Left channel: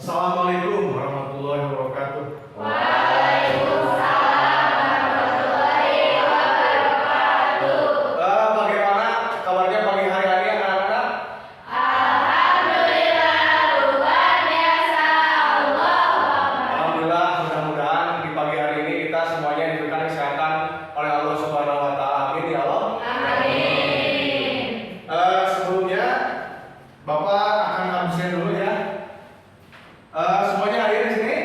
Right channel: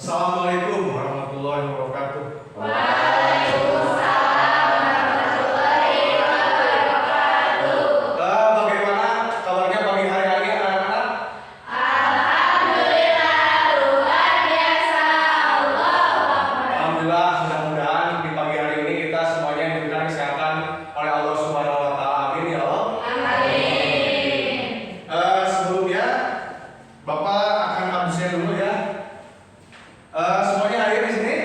Assalamualaikum warahmatullahi wabarakatuh. Bagaimana kabarnya pagi hari ini anak-anak? Alhamdulillah, mudah-mudahan di pagi hari ini kita semuanya diberikan kesehatan oleh Allah Subhanahu wa Ta'ala. Amin ya Allah. Sebelumnya Bapak akan absen dulu ya. Semuanya hadir di sini?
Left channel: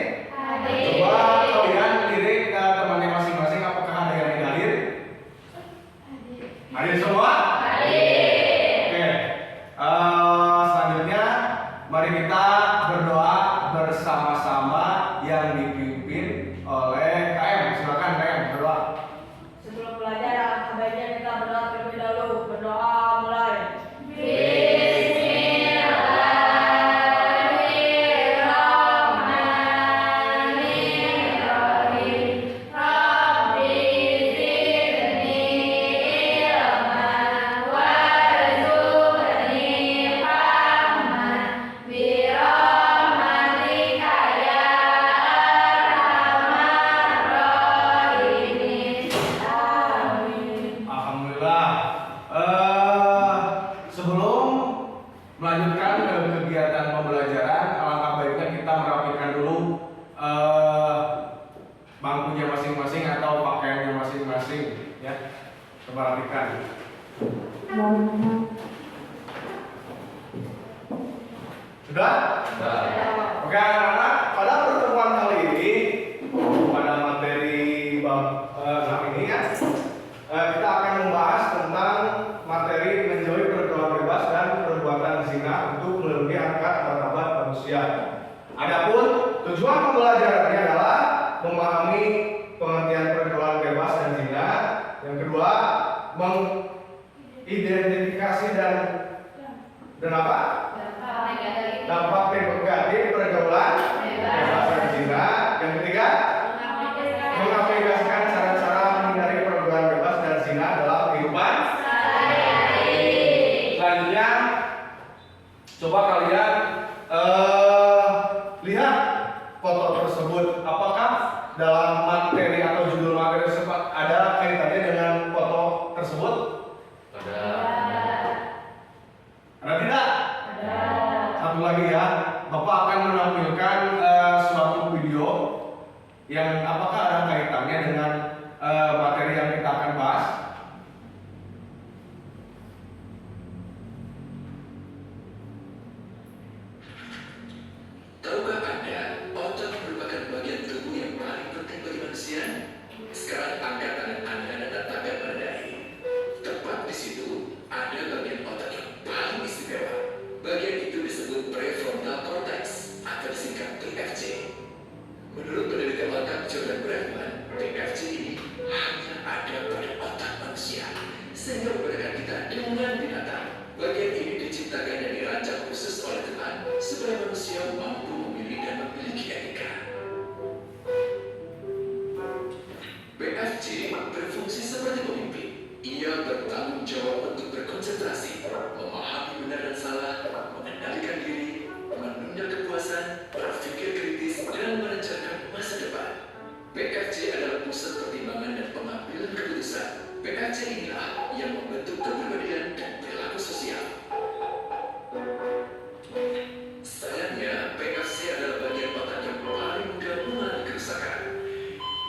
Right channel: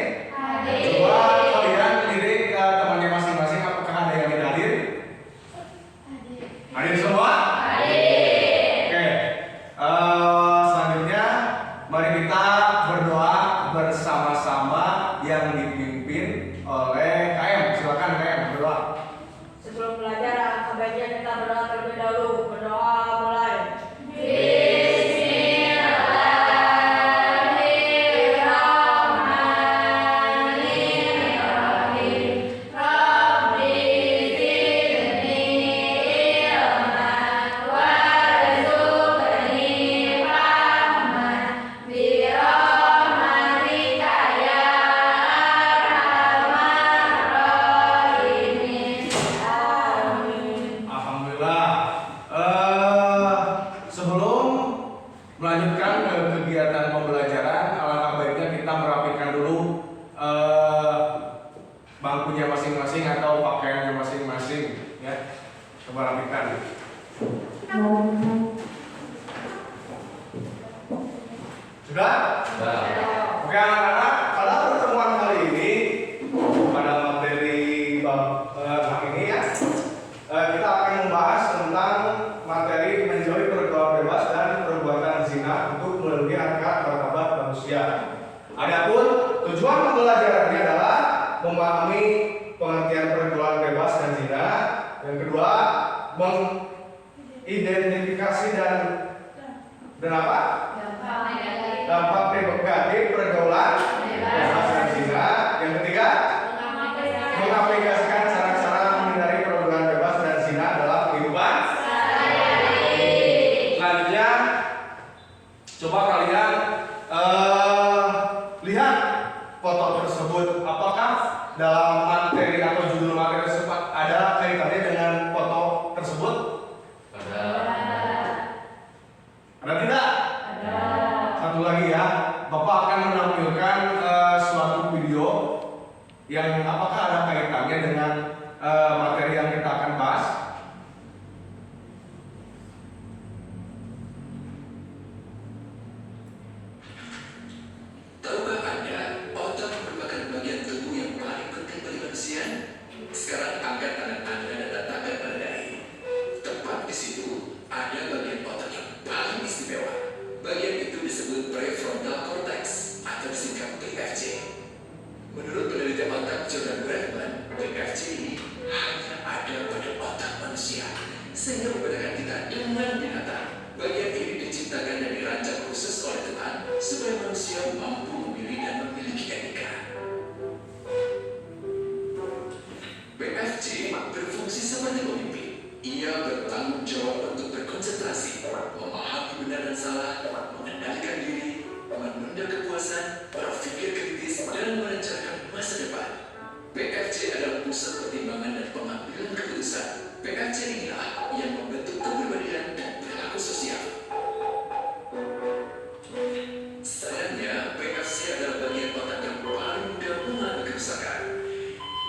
Coba kalian lirik ke temannya masing-masing, apakah ada yang tidak hadir? Hadir semua? Oke. Selanjutnya mari kita berdoa bersama-sama yang dipimpin oleh KM. Silakan KM berdoa. Sebelum belajar, sebaiknya kita berdoa terlebih dahulu. Berdoa mulai. Alhamdulillah. Sebelum melanjutkan ke kegiatan pembelajaran, alangkah baiknya kita merapikan dulu bangkunya masing-masing atau pakaiannya masing-masing, ya. Coba rapikan. Sudah? Oke anak-anak, pada pertemuan kali ini pada materi ini ya, kita akan membahas tentang materi menjauhi pergaulan bebas dan perbuatan zina untuk melindungi harkat martabat manusia. Adapun tujuan pembelajarannya adalah memahami pengertian pergaulan bebas dan zina. Yang kedua, mengidentifikasi dan apa? Dampak negatif pergaulan bebas dan zina. Yang ketiga, mengaplikasikan cara-cara menghindari pergaulan bebas dan zina dalam kehidupan. Selanjutnya, coba kalian lihat foto tersebut. Apakah dalam materi atau judul materi tersebut ada kaitannya dengan foto tersebut? Ada tidak? Satu lagi ya, Bapak akan menampilkan suatu video yang apakah ada kaitannya dengan materi yang kita akan bahas. Tahukah Anda, otak merupakan bagian tubuh yang paling penting bagi manusia? Sekarang angkat tangan Anda dan letakkan pada dahi. Tepat di situ, ada bagian otak yang paling istimewa. Bagian itu disebut prefrontal cortex atau disingkat PFC. Menurut penelitian lengkap Jordan Brefman, PFC ini hanya ada pada otak manusia, sehingga membedakan kita dengan binatang. Bagian ini diciptakan dan dirancang khusus oleh Tuhan supaya manusia mampu memilih dan memiliki etika. PFC berfungsi seperti pemimpin. Ia bertanggung jawab untuk berkonsentrasi, memahami benar dan salah, mengendalikan diri, menunda kepuasan, berpikir kritis, dan merencanakan masa depan. PFC adalah pusat pertimbangan dan pengambilan keputusan. PFC inilah yang membentuk kepribadian dan perilaku sosial. Sayangnya, PFC adalah bagian otak yang paling mudah mengalami kerusakan.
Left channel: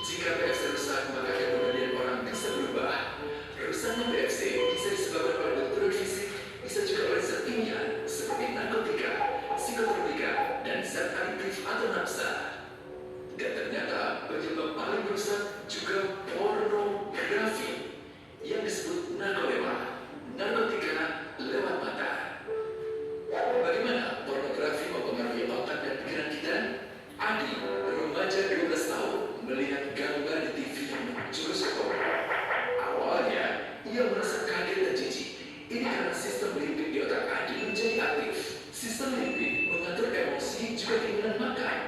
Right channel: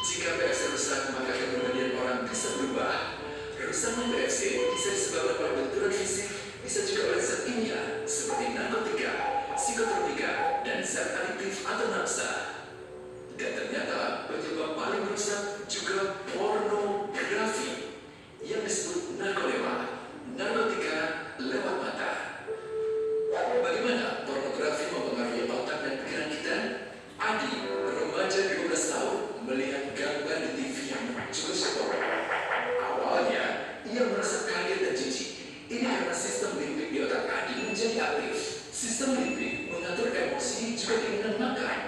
Jika PFC rusak, maka kepribadian orang bisa berubah. Kerusakan PFC bisa disebabkan oleh benturan fisik, bisa juga oleh zat kimia seperti narkotika, psikotropika, dan zat adiktif atau nafsa. Dan ternyata penyebab paling merusak juga pornografi yang disebut narkolewa, narkotika lewat mata. Bagaimana pornografi mempengaruhi otak dan pikiran kita? Adi, remaja 12 tahun, melihat gambar di TV yang menjurus porno. Awalnya, ia merasa kaget dan jijik. Ini karena sistem limbik di otak Adi menjadi aktif. Sistem limbik mengatur emosi juga keinginan makan,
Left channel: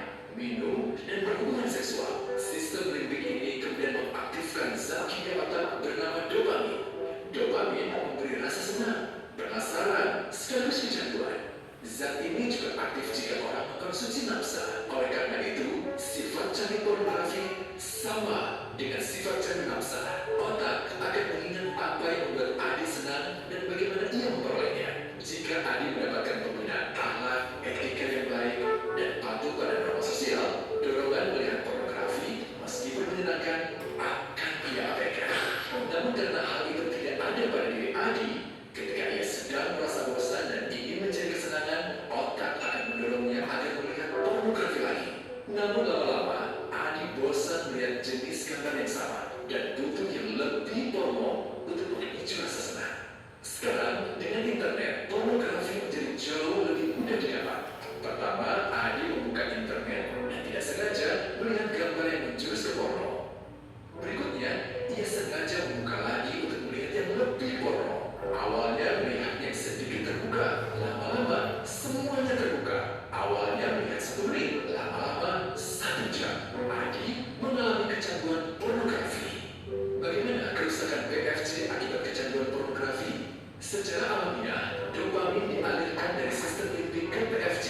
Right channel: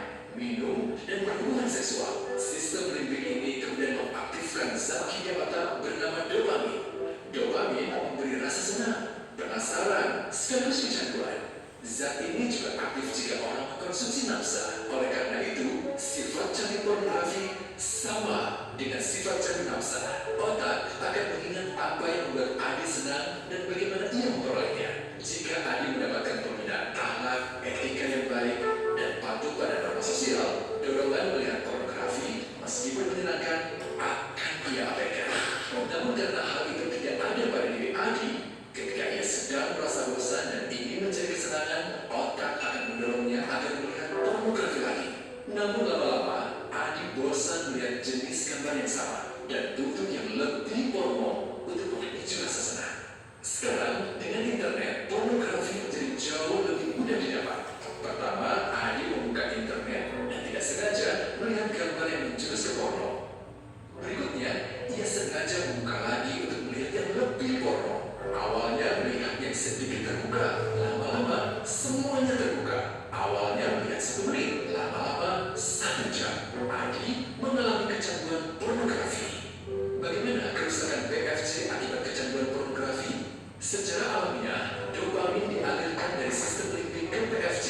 mendorongnya agar melihat pornografi lagi. Namun lama-lama, Adi bosan melihat jenis gambar yang sama dan butuh yang lebih porno untuk memicu rasa senang. Sekarang, dengan internet, pornografi menjadi jauh lebih mudah didapat. Pertama, Adi membuka internet dan tidak sengaja melihat gambar yang menjurus ke porno. Berikutnya, ia sengaja membuka lagi untuk melihat yang lebih porno. Awalnya melihat yang sedikit terbuka, lama-lama semuanya terbuka. Awalnya melihat 10 menit, lama-lama 1 jam. Adi mengalami kecanduan pornografi. Bagaimana kerusakan PFC akibat kecanduan pornografi? Secara alamiah, dopamin dialirkan dari sistem limbik ke PFC.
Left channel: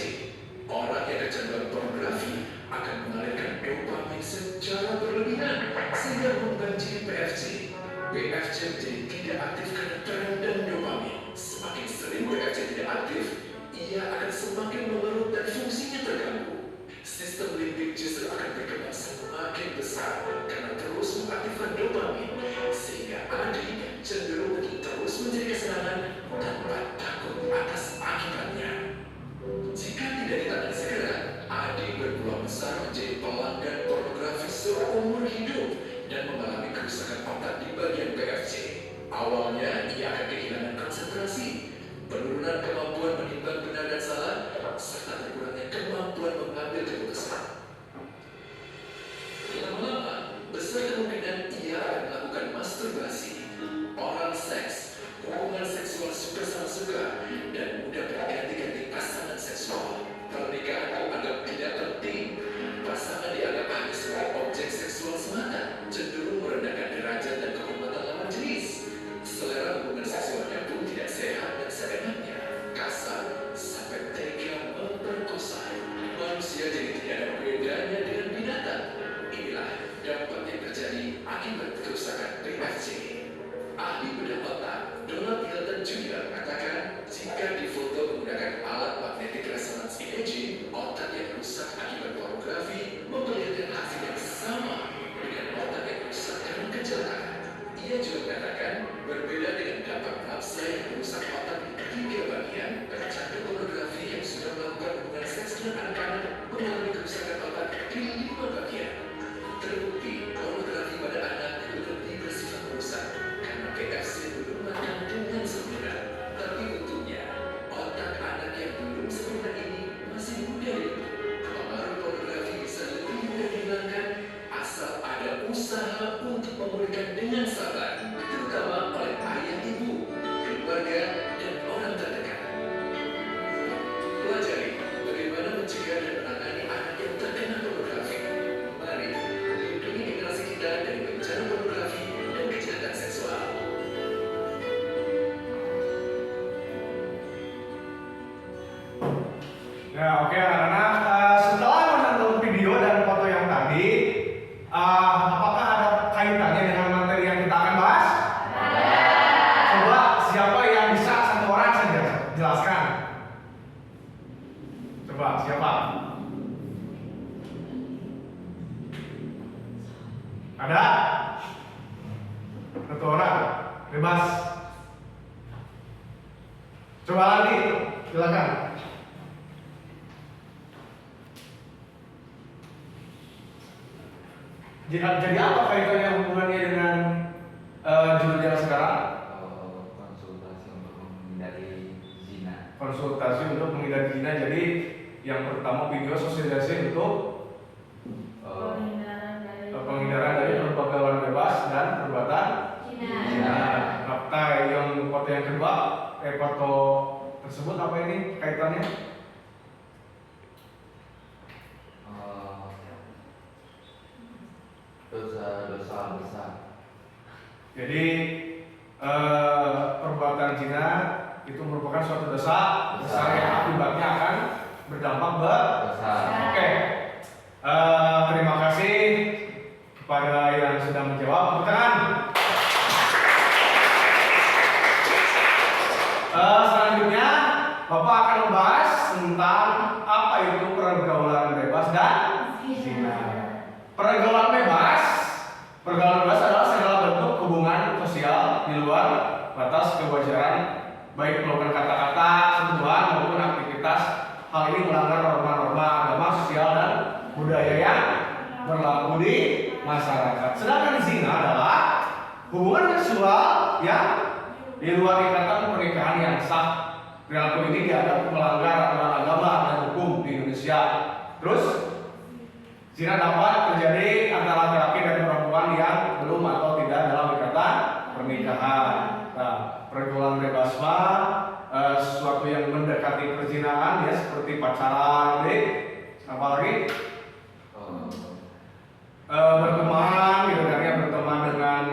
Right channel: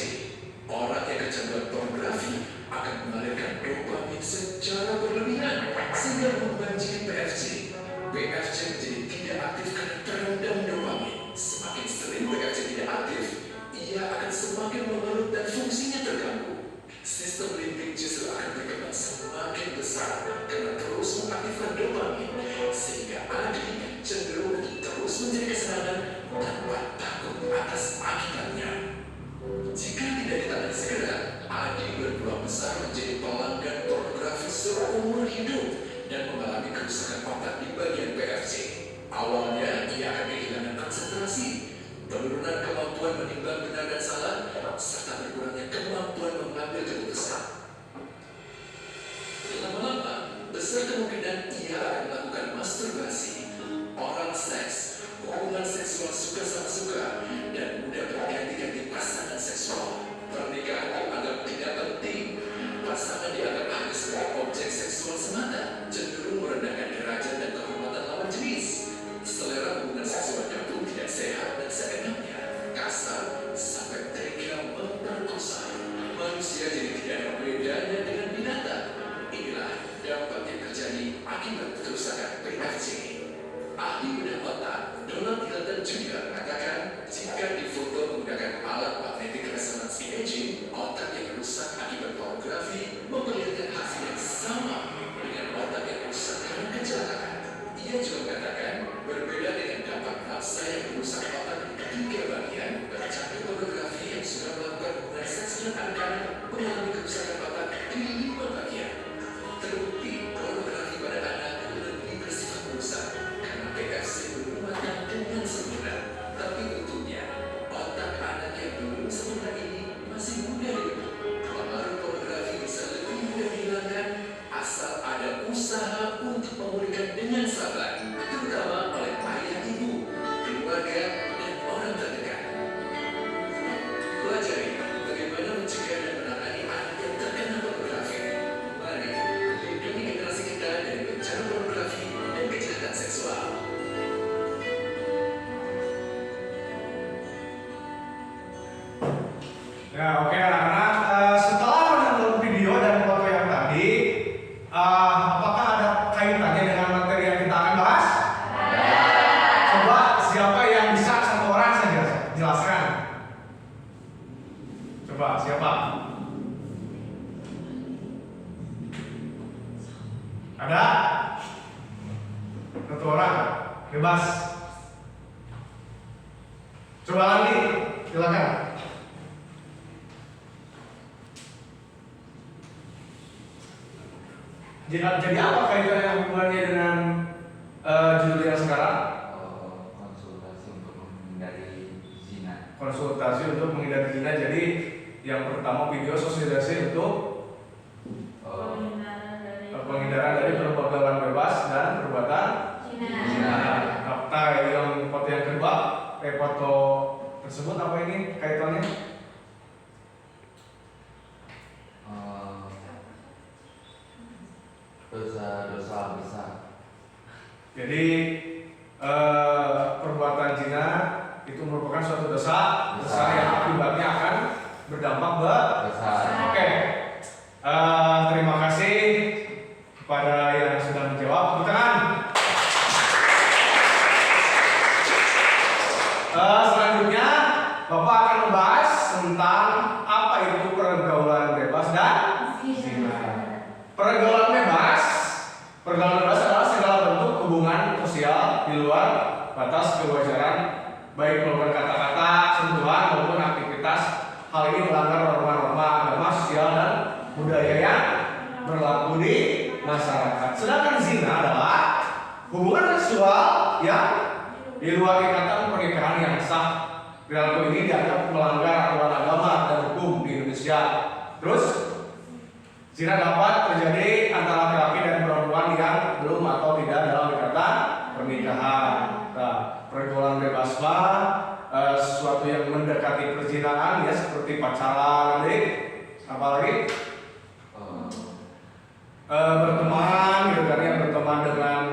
Orang yang kecanduan pornografi akan mengalirkan dopamin secara berlebihan sehingga membanjiri PFC. PFC menjadi tidak aktif karena terendam dopamin. Semakin sering PFC tidak aktif, ia akan semakin memerut dan fungsinya terganggu. Sistem limbik justru akan berkembang semakin besar karena terus mengaktifkan dopamin, sehingga Adi cenderung untuk terus mencari kesenangan tanpa takut atas akibatnya. Jika tidak ditangani segera, Adi berpeluang besar menjadi pelanggan pornografi seumur hidup dan mengalami kerusakan otak di bagian PFC. Awalnya, ia akan kehilangan konsentrasi, penurunan kemampuan menimbang benar dan salah, serta berkurangnya kemampuan mengambil keputusan. Lama-lama, besar kemungkinan ia akan melakukan masturbasi, oral seks, hubungan seksual suka sama suka, dan mudah berganti-ganti pasangan seksual. Pernikahan dianggap tidak penting, pasangan dianggap hanya sebagai objek seksual semata, cenderung merendahkan derajat dan kehormatan lawan jenis. Selera hubungan seksualnya pun tidak sehat dan seenaknya, kasar sampai tega memperkosa. Manusia jadi tidak ada bedanya dengan binatang. Inilah dampak yang terjadi akibat kerusakan PFC. Ahli bedah otak Donald Hilton Jr. mengatakan jika difoto menggunakan alat magnetic resonance imaging, otak yang rusak akibat pornografi memperlihatkan hasil yang sama dengan otak yang rusak karena kecelakaan. Ia juga mengatakan berbeda dengan dampak maksa yang merusak otak di ketiga bagian, pecandu pornografi yang sudah melakukan hubungan seks dengan anak-anak mengalami kerusakan otak di 5 bagian. Terbukti pornografi pada anak lebih bersifat merusak karena PFC belum matang dengan sempurna. Tapi untungnya, otak anak yang belum sempurna ini masih mudah dibentuk. Pengaruh pornografi bisa lebih mudah dihilangkan asal ada usaha untuk memulihkan dengan sabar, terutama oleh ayah ibu, keluarga, dan orang terdekat. Pelajari bagaimana mencegah dan menangani anak yang terkena pornografi. Mari lindungi generasi kita dari bencana pornografi dan kejahatan seksual. Ya, oke anak-anak, setelah menonton video dan foto yang tadi, apakah ada kaitannya dengan materi yang kita akan bahas? Coba siapa yang bisa satu orang saja jelaskan? Coba siapa? Ada? Satu orang, bebas. Coba lagi, silakan. Jadi apa kaitannya hubungannya dengan judul yang sekarang? Konsultasi untuk menghindari zina. Konsultasi untuk menghindari zina. Jadi yang pertama video sosialisasi untuk penghindaran dari pergaulan bebas dan perbuatan zina. Nah, yang foto yang kedua, foto tersebut apa ini kaitannya? Dosa-dosa besar. Jadi perbuatan zina itu merupakan suatu dosa besar yang akibatnya akan berdampak besar. Oke. Terima kasih kepada yang sudah menjawab. Tepuk tangan. Selanjutnya Bapak akan membahas tentang apa itu pergaulan bebas dan zina. Pergaulan bebas adalah segala bentuk hubungan sosial di luar batas kewajaran, baik melakukan kata-kata, sentuhan maupun aktivitas hal ini melanggar norma-norma agama, sosial dan budaya yang berlaku di masyarakat. Sedangkan zina adalah hubungan seksual yang di luar ikatan pernikahan yang sah. Perilaku ini dianggap melanggar aturan agama dan hukum di Indonesia. Terus zina dapat terjadi antara laki-laki dan perempuan yang belum atau tidak dalam ikatan pernikahan. Nah, pergaulan bebas mah sesuatu yang mendekati perzinahan ya, seperti pacaran, apalagi berteman gitu kan ya, berteman dengan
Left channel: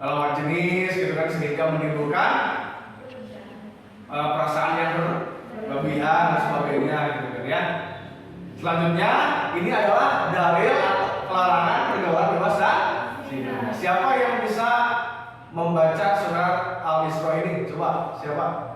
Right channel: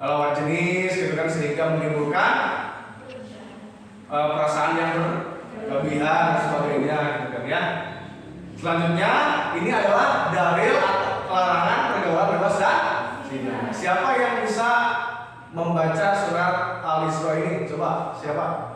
lawan jenis gitu kan, sehingga menimbulkan perasaan yang berlebihan dan sebagainya gitu kan ya. Selanjutnya ini adalah dalil pelarangan pergaulan bebas dan zina. Siapa yang bisa membaca surat Al-Isra ini? Coba, siapa?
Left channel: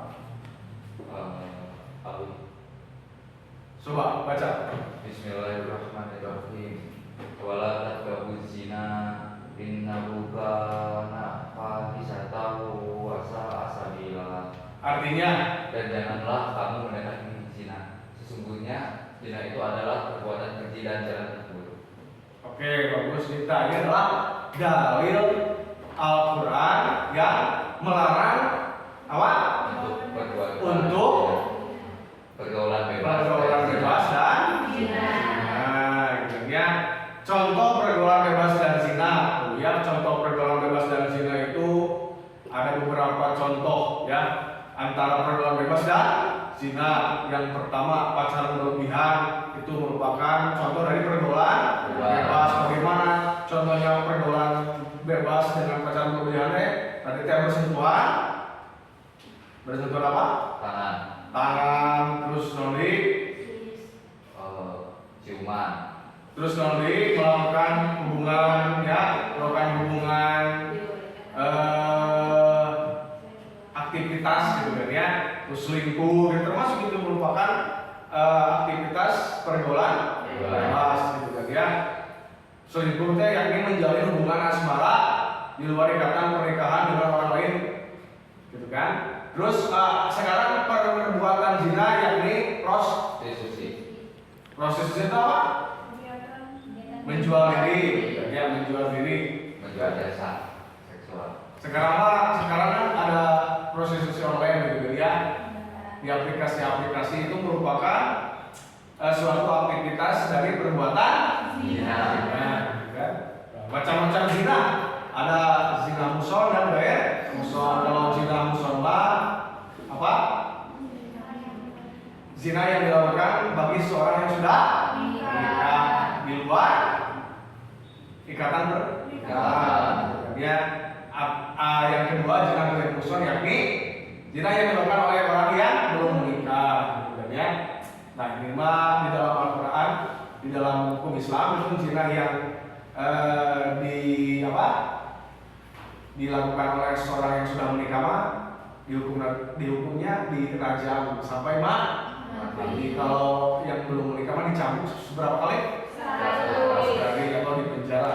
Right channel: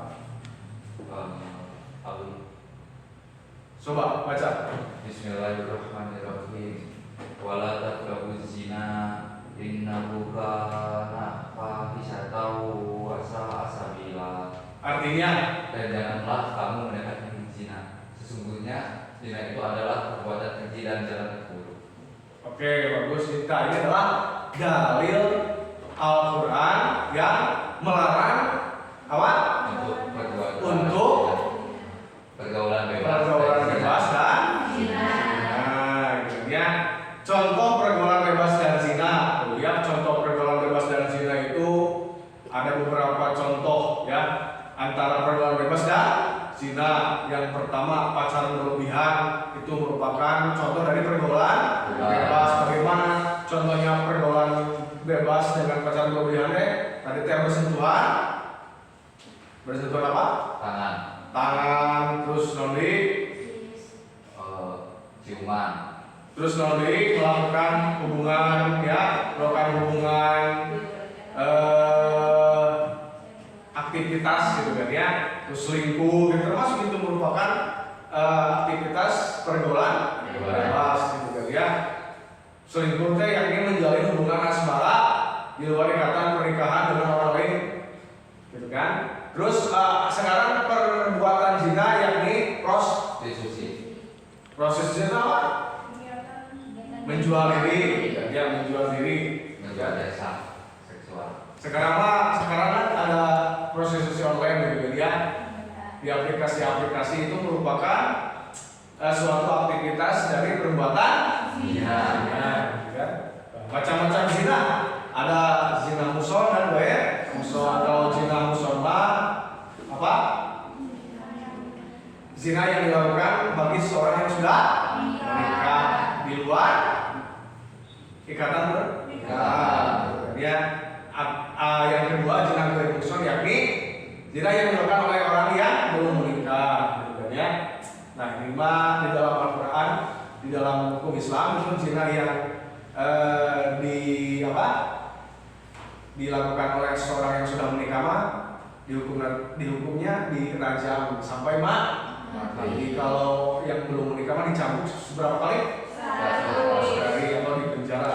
Coba baca. Bismillahirrahmanirrahim. Wala taqrabuz zina innahu kana fahisatan wa sa'a sabila. Artinya, Dan janganlah kamu mendekati zina. Sesungguhnya zina itu adalah perbuatan keji dan jalan terburuk. oke, bagus. Kita ini adalah dalil Al-Quran yang melarang apa? Untuk pergaulan Pergaulan bebas dan Zina. nah, itu ya. Contoh pergaulan bebas dan zina. Ya, contoh pergaulan bebas dan zina itu ada beberapa contoh ya. Antara pergaulan bebas dan zina. Yang pertama, pacaran berlebihan, itu merupakan contoh dari pergaulan bebas. Bagaimana contohnya pergaulan bebas dengan pacaran berlebihan? Tadi bersentuhan. Bersentuhan apa? Tangan, terus nondi, ciuman, terus nondi melakukan hubungan ya, melakukan hubungan aktivitas gitu kan ya, terus selingkuh gitu, termasuk itu merupakan aktivitas pergaulan bebas gitu kan ya. Selingkuh teh yakni menjalin hubungan asmara di luar ikatan pernikahan dengan orang lain gitu kan. Terus sekarang perbuatan zina yakni prostitusi, proses zina apa? Menjual diri, ya menjual diri. menjual jasa seksual. Sekarang kan ada prostitusi online gitu ya. Di aplikasi-aplikasi itu merupakan suatu aktivitas dari perbuatan Zina. gitu kan. Macam-macam zina. Ada zina muson dan gair muson. Kalau zina muson apa? Zina yang dilakukan bagi seorang yang sudah menikah di luar ikatan pernikahan. Ya, yang kedua zina gair muson yakni zina yang dilakukan oleh orang yang belum menikah, gitu ya. Nah, ini mah di dalam Al-Quran, di dalam hukum Islam itu zina yang dilakukan oleh seorang yang sudah menikah mah dihukumnya dirajam sampai mati. Kalau yang belum menikah mah dicambuk seberapa kali? 100 kali atau dipenjara.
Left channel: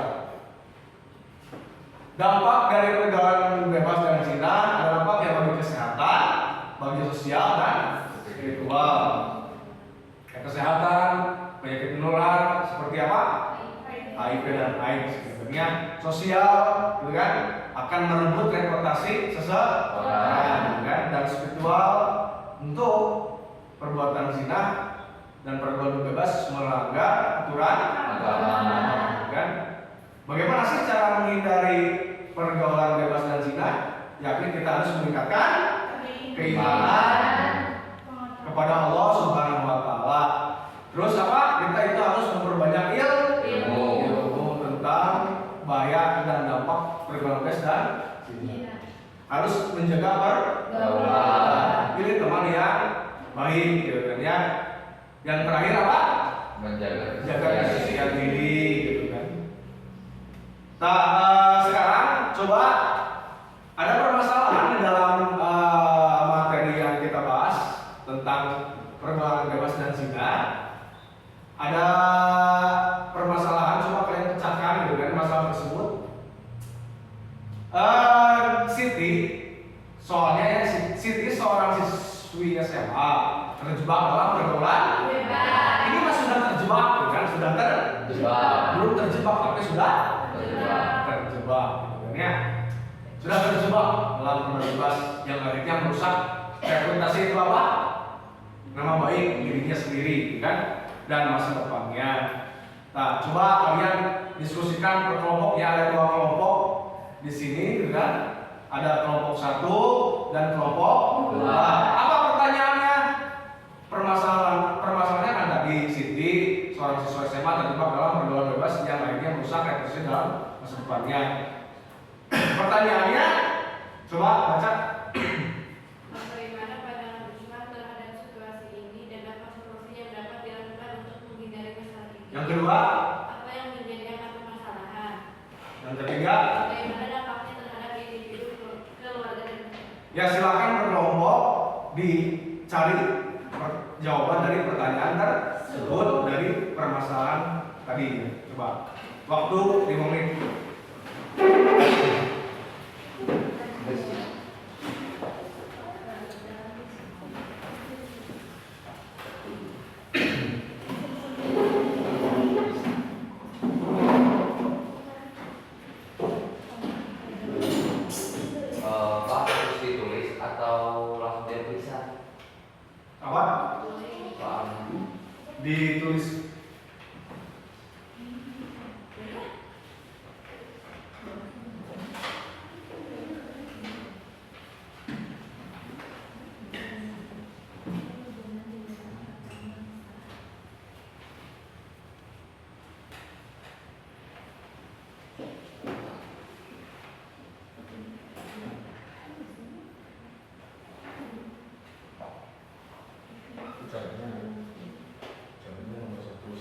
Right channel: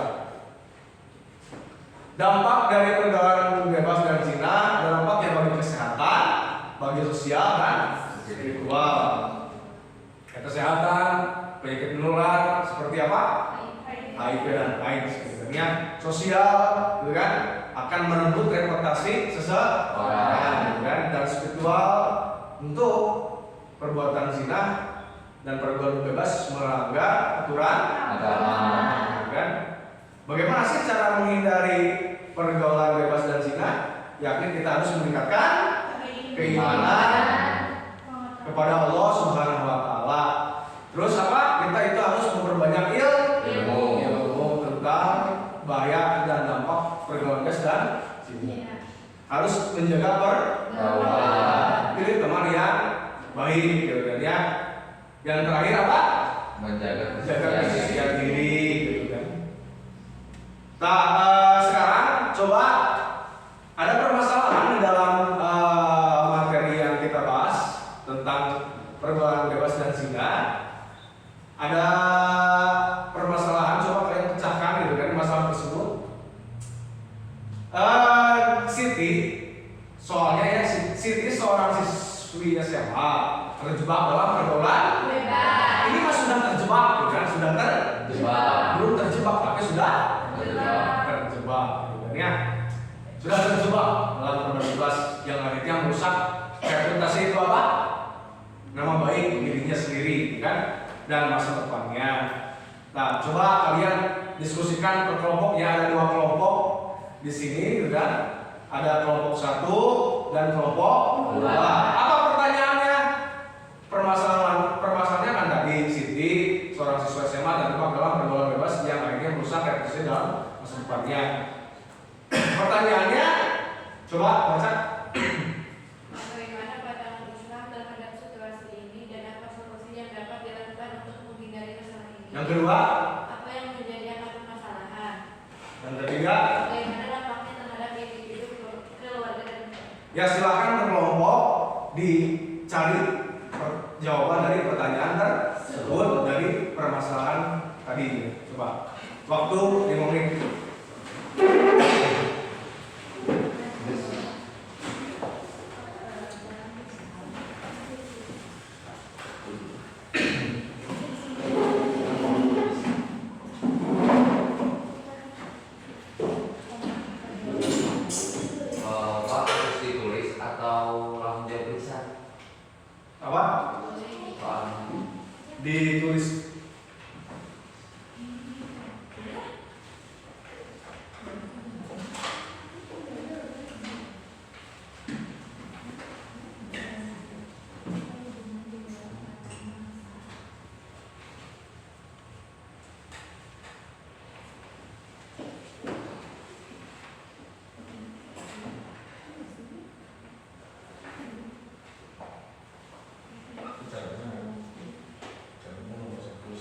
Dampak dari pergaulan bebas dan zina ada dampak yang bagi kesehatan, bagi sosial dan spiritual. Kesehatan, penyakit menular seperti apa? HIV dan AIDS. Sebenarnya sosial, gitu kan, akan merebut reputasi seseorang, gitu kan, dan spiritual untuk perbuatan zina dan pergaulan bebas melanggar aturan agama, gitu kan. Bagaimana sih cara menghindari pergaulan bebas dan zina? Yakni kita harus meningkatkan keimanan kepada Allah Subhanahu wa taala. Terus apa? Kita itu harus memperbanyak ilmu tentang bahaya dan dampak pergaulan bebas dan zina. Harus menjaga pergaulan. Pilih teman yang baik gitu kan ya. Yang terakhir apa? Menjaga kesucian diri gitu kan. Nah, sekarang coba ada permasalahan di dalam materi yang kita bahas tentang pergaulan bebas dan zina. Ada permasalahan, coba kalian pecahkan gitu kan masalah tersebut. Siti, soalnya ya Siti seorang siswi SMA terjebak dalam pergaulan bebas. ini mah sudah terjebak gitu kan, sudah Terjebak. belum terjebak tapi sudah Terjebak. terjebak gitu kan ya, sudah terjebak dalam pergaulan bebas yang akhirnya merusak reputasi itu apa, nama baik dirinya sendiri gitu kan, dan masa depannya. Nah, coba kalian diskusikan per kelompok, ya ada 2 kelompok di sini gitu kan, ada kelompok 1 dan kelompok 2. Apa pertanyaannya? Permasalahannya kan tadi Siti seorang siswa SMA terjebak dalam pergaulan bebas yang akhirnya merusak reputasi dalam masa depannya. Pertanyaannya coba baca. Bagaimana pandangan Islam terhadap situasi ini dan apa solusi yang dapat dilakukan untuk menghindari masalah ini? Yang kedua, Apa yang menjadi akar permasalahan? yang ketiga, Bagaimana dampaknya terhadap individu, keluarga dan masyarakat? ya silakan berkelompok dicari jawaban dari pertanyaan tersebut dari permasalahan tadi. Coba waktu 5 menit. Pak harus ditulis atau langsung diperiksa? Apa? Pak. Ditulis. Caranya nomor 1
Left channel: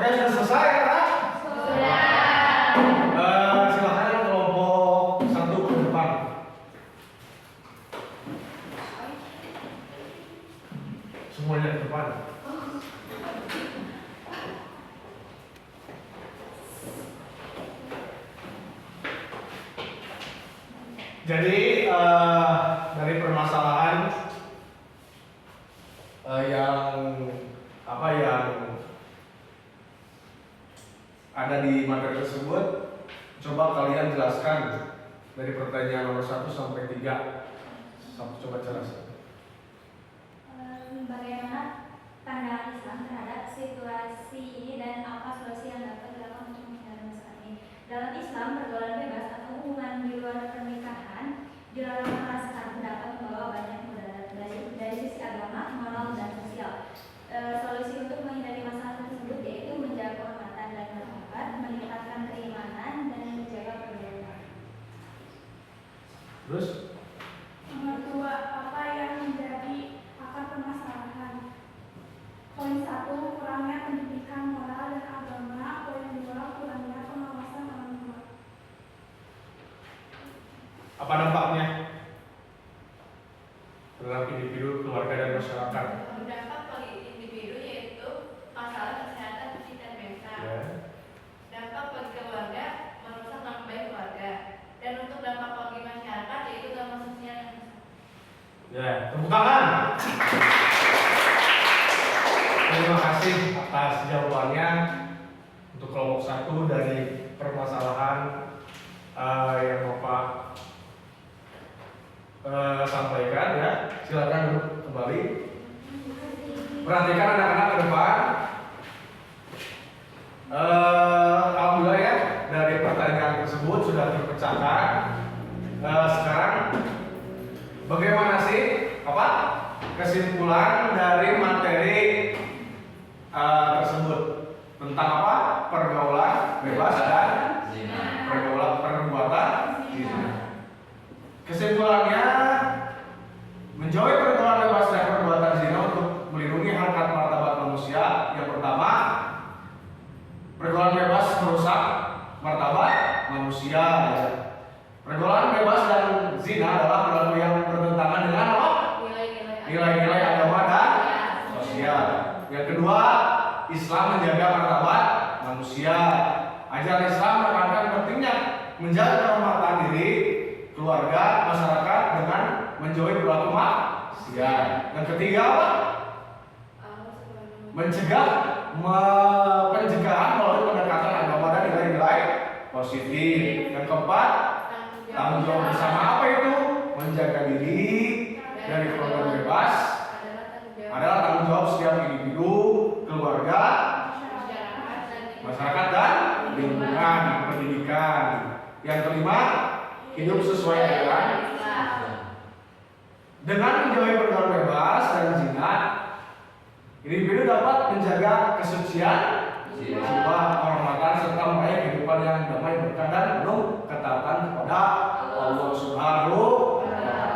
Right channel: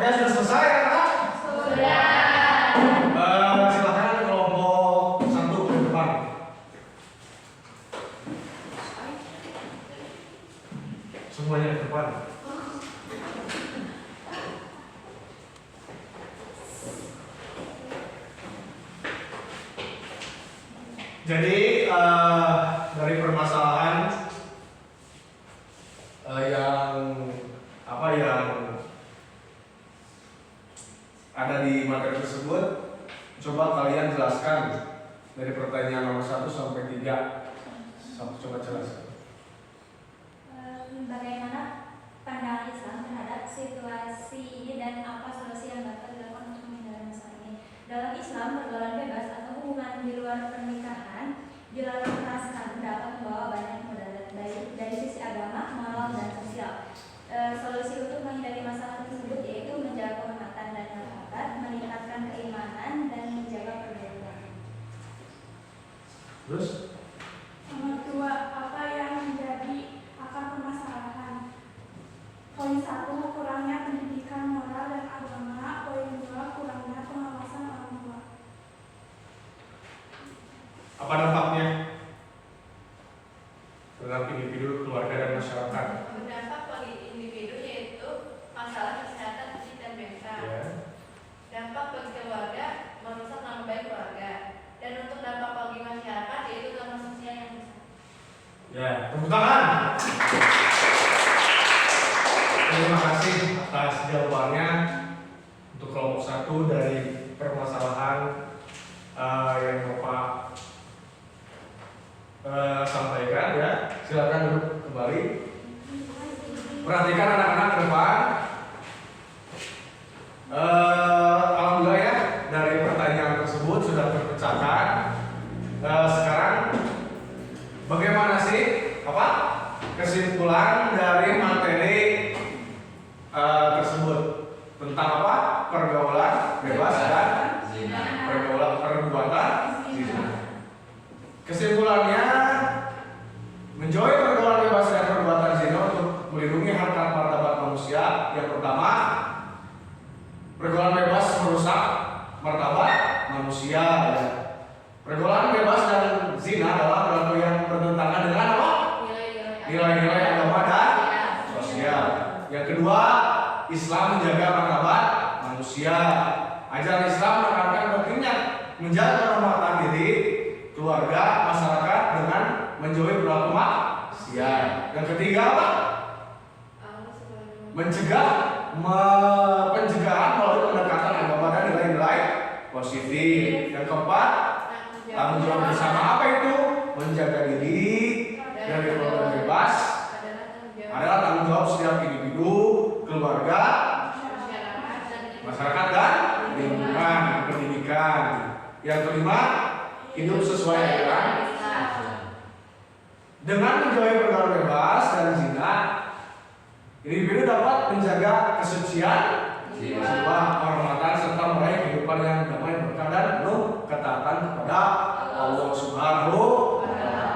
Oke, sudah selesai ya, Kak? Silakan kelompok 1 ke depan. Semuanya ke depan. Jadi dari permasalahan yang ada di materi tersebut, coba kalian jelaskan dari pertanyaan nomor 1 sampai 3. Coba jelaskan. Bagaimana pandangan Islam terhadap situasi ini dan apa solusi yang dapat dilakukan untuk menghindari masalah ini? Dalam Islam, pergaulan bebas atau hubungan di luar pernikahan dilarang merasakan pendapat bahwa banyak mudarat dari sisi agama, moral, dan sosial. Solusi untuk menghindari masalah tersebut yaitu menjaga kehormatan dan martabat, meningkatkan keimanan, dan menjaga pergaulan. Terus? Nomor 2, apa yang menjadi akar permasalahan? Poin 1, kurangnya pendidikan moral dan agama. Poin 2, kurangnya pengawasan orang tua. Apa dampaknya terhadap individu, keluarga, dan masyarakat? Berdampak bagi individu yaitu masalah kesehatan fisik dan mental. Ya. Dampak bagi keluarga merusak nama baik keluarga. Dan untuk dampak bagi masyarakat yaitu dampak sosial yang Ya, tepuk tangan. Terima kasih atas jawabannya untuk kelompok 1 dari permasalahan yang Bapak sampaikan ya. Silakan duduk kembali. Perhatikan anak-anak ke depan. Alhamdulillah ya, dari pertanyaan tersebut sudah terpecahkan. Sekarang bagaimana sih kesimpulan dari materi tersebut tentang apa? Pergaulan bebas dan perbuatan zina. Kesimpulannya, menjauhi pergaulan bebas dan perbuatan zina untuk melindungi harkat martabat manusia. Yang pertama, pergaulan bebas merusak martabat manusia. Pergaulan bebas dan zina adalah perilaku yang bertentangan dengan apa? Nilai-nilai agama dan sosial. Yang kedua, Islam menjaga martabat manusia. Ajaran Islam menekankan pentingnya menjaga kehormatan diri, keluarga, masyarakat dengan menjauhi perilaku maksiat. Yang ketiga apa? Pencegahan melalui pendekatan agama dan nilai-nilai positif. Yang keempat, tanggung jawab bersama apa itu? Menjaga diri dari pergaulan bebas adalah tanggung jawab setiap individu, keluarga, masyarakat, dan lingkungan pendidikan. Yang kelima, hidup sesuai aturan. Dengan menjauhi pergaulan bebas dan zina, individu dapat menjaga kesucian jiwa, kehormatan, serta meraih kehidupan yang damai, berkah, dan penuh ketaatan kepada Allah Subhanahu wa Ta'ala.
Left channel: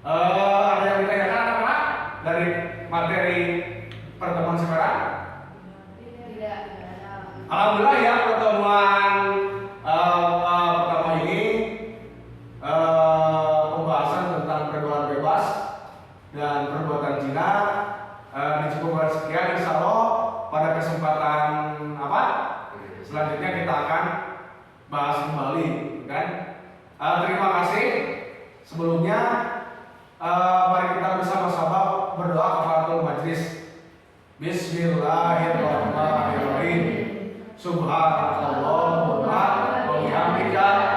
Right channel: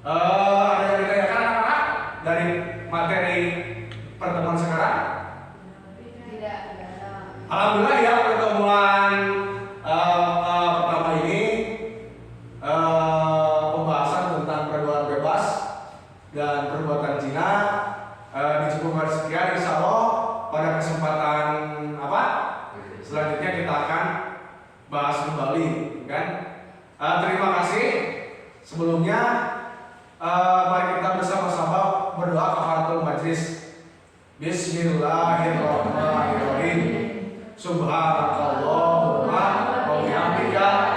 Ada yang ditanyakan anak-anak dari materi pertemuan sekarang? tidak. Alhamdulillah ya, pertemuan pertama ini pembahasan tentang pergaulan bebas dan perbuatan zina dicukupkan sekian. Insya Allah pada kesempatan selanjutnya kita akan bahas kembali, kan? Terima kasih. Sebelumnya mari kita bersama-sama berdoa kafaratul majlis. Bismillahirrahmanirrahim. Subhanakallahumma wa bihamdika